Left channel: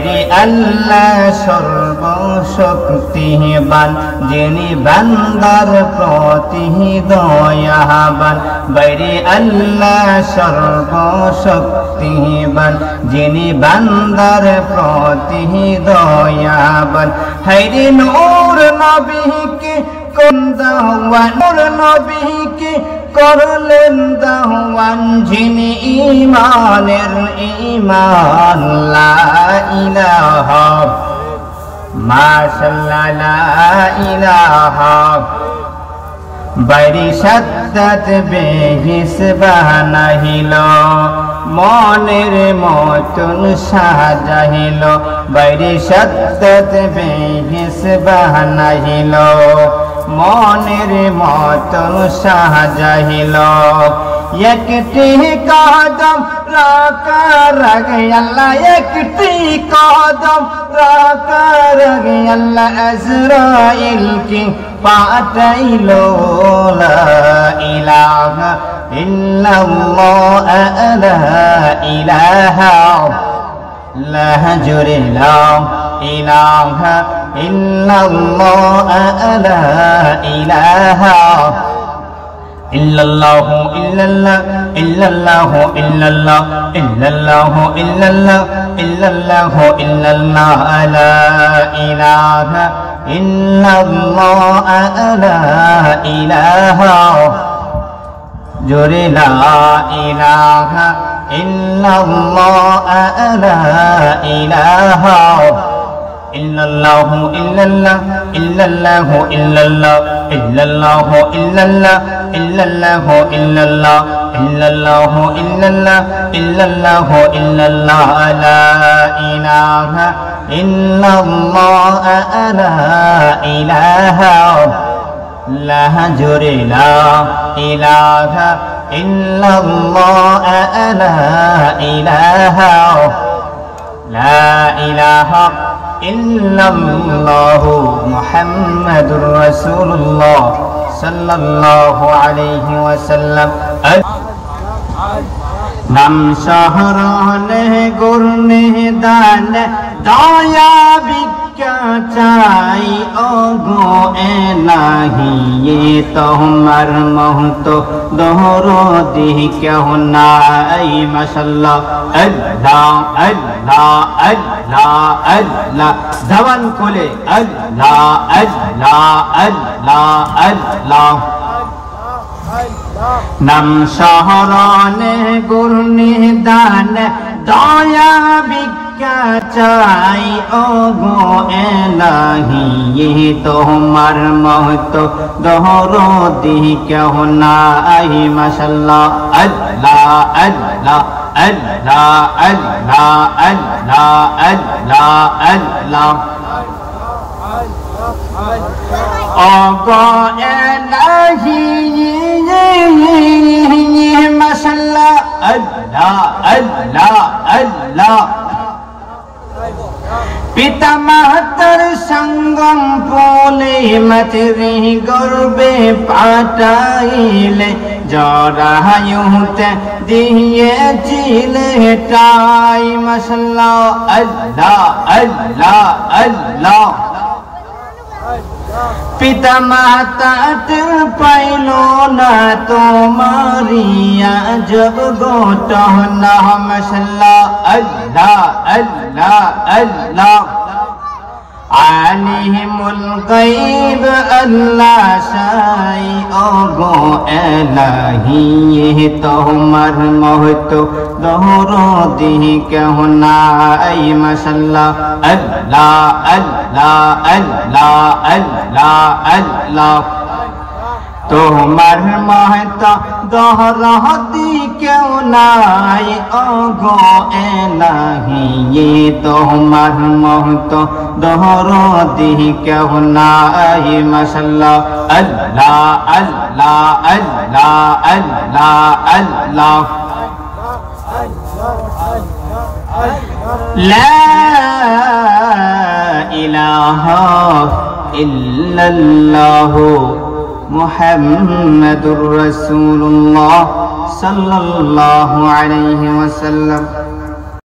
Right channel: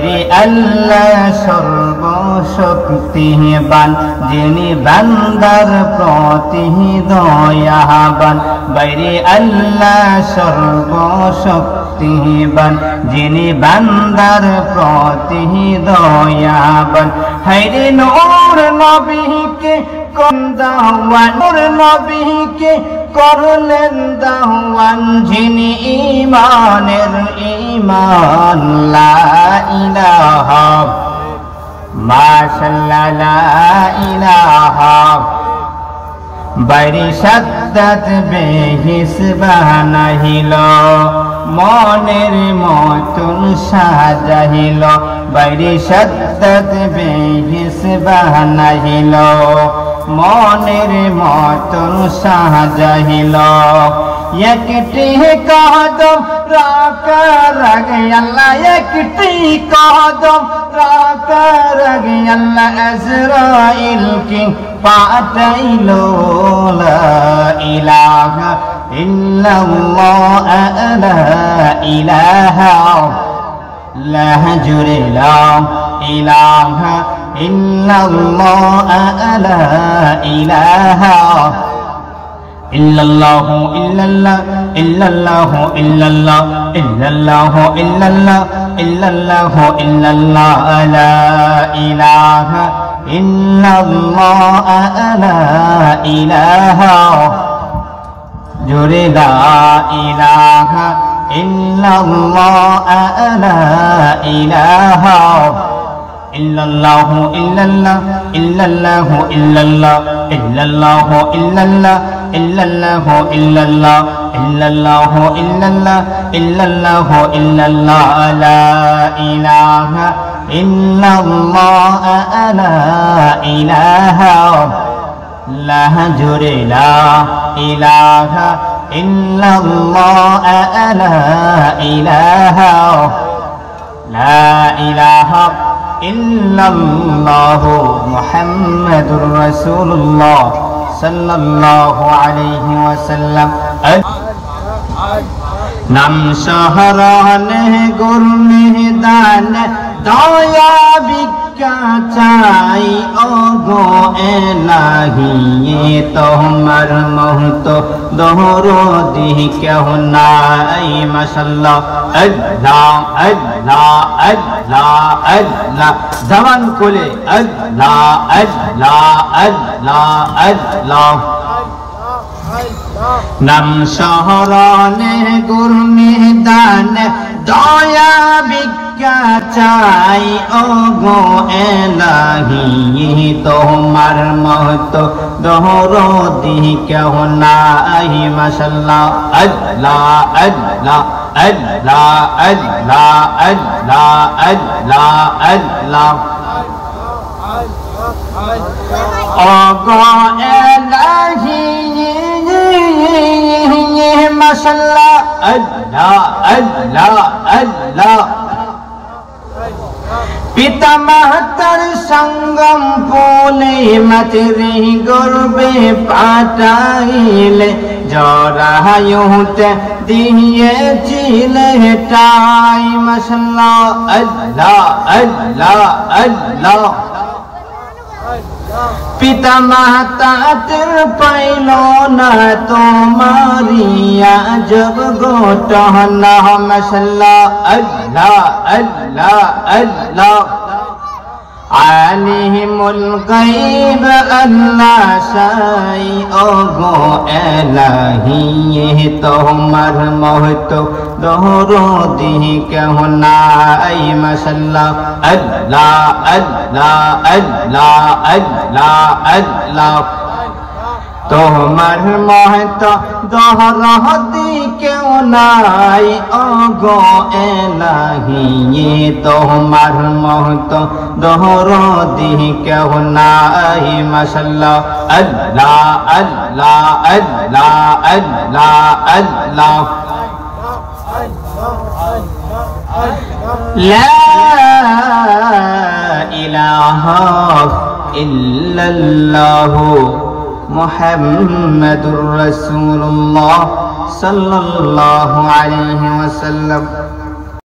বাইরে আল্লাহ সর্বশক্তিবান যিনি বান্দার প্রতি দয়াবান বাইরে আল্লাহ সর্বশক্তিবান যিনি বান্দার প্রতি দয়াবান হায়রে নূর নবীকে দাওয়ান নূর নবীকে করলেন দাওয়ান যিনি ঈমানের ঈমান লা ইলাহা মাশাআল্লাহ লা ইলাহা বাইরে সাদ্দাত বেহিসবাহ নাহিল মনের মতন সাজাহিল বাইরে সাদ্দাত বেহিসবাহ নাহিল মনের মতন সাজাহিল একটি কদম রাখা রাগে আল্লাহ একটি কদম রাখা রাগে আল্লাহ আজরাইল কি পাঠাইল লা ইলাহা ইল্লাল্লাহ লা ইলাহা লা জুরে লা ইলাহা ইল্লাল্লাহ লা ইলাহা ইল্লাল্লাহু ইল্লাল্লাহ ইল্লাল্লাহু ইল্লাল্লাহ ইল্লাল্লাহু ইল্লাল্লাহ ইল্লাল্লাহু ইল্লাল্লাহ লা ইলাহা ইল্লাল্লাহ লা ইলাহা জোরে লা ইলাহা ইল্লাল্লাহ লা ইলাহা ইল্লাল্লাহু ইল্লাল্লাহ ইল্লাল্লাহু ইল্লাল্লাহ ইল্লাল্লাহু ইল্লাল্লাহ ইল্লাল্লাহু ইল্লাল্লাহ ইল্লাল্লাহু ইল্লাল্লাহ ইল্লাল্লাহু ইল্লাল্লাহ লা ইলাহা ইল্লাল্লাহ লা ইলাহা লা জোরে লা ইলাহা ইল্লাল্লাহ লা ইলাহা লা ইলাহা ইল্লাল্লাহু মুহাম্মাদুর রাসূলুল্লাহ সাল্লাল্লাহু আলাইহি ওয়াসাল্লাম নাম শহরনে গুরনে দান দয়া ভিক্ষা চাই ও গো এলাহি তোমার মহত দরদি কেহ নাই মাশাআল্লাহ আল্লাহ আল্লাহ আল্লাহ আল্লাহ জবান খুলে আল্লাহ আল্লাহ আল্লাহ আল্লাহ নাম শহরনে গুরনে দান দয়া ভিক্ষা চাই ও গো এলাহি তোমার মহত দরদি কেহ নাই মাশাআল্লাহ আল্লাহ আল্লাহ আল্লাহ আল্লাহ আল্লাহ আল্লাহ আল্লাহ ও গো এলাহি মাশাআল্লাহ আল্লাহ আল্লাহ আল্লাহ পিতা মাতার সঙ্গম বলে মাতৃ গর্বে পাঠাইলে জরায়ুতে দিয়েছিলে টাই মাশাআল্লাহ আল্লাহ আল্লাহ আল্লাহ পিতা মাতার পাইল না তোমারিয়া জগ ঘটনা মাশাআল্লাহ আল্লাহ আল্লাহ আল্লাহ আলিমুল গায়ব আল্লাহ সাই ও গো এলাহি তোমার মহত দরদি কেহ নাই মাশাআল্লাহ আল্লাহ আল্লাহ আল্লাহ আল্লাহ আল্লাহ তোমার মহত দরদি কেহ নাই ও গো এলাহি তোমার মহত দরদি কেহ নাই মাশাআল্লাহ আল্লাহ আল্লাহ আল্লাহ আল্লাহ আল্লাহ লা ইলাহা ইল্লাল্লাহু মুহাম্মাদুর রাসূলুল্লাহ সাল্লাল্লাহু আলাইহি ওয়াসাল্লাম।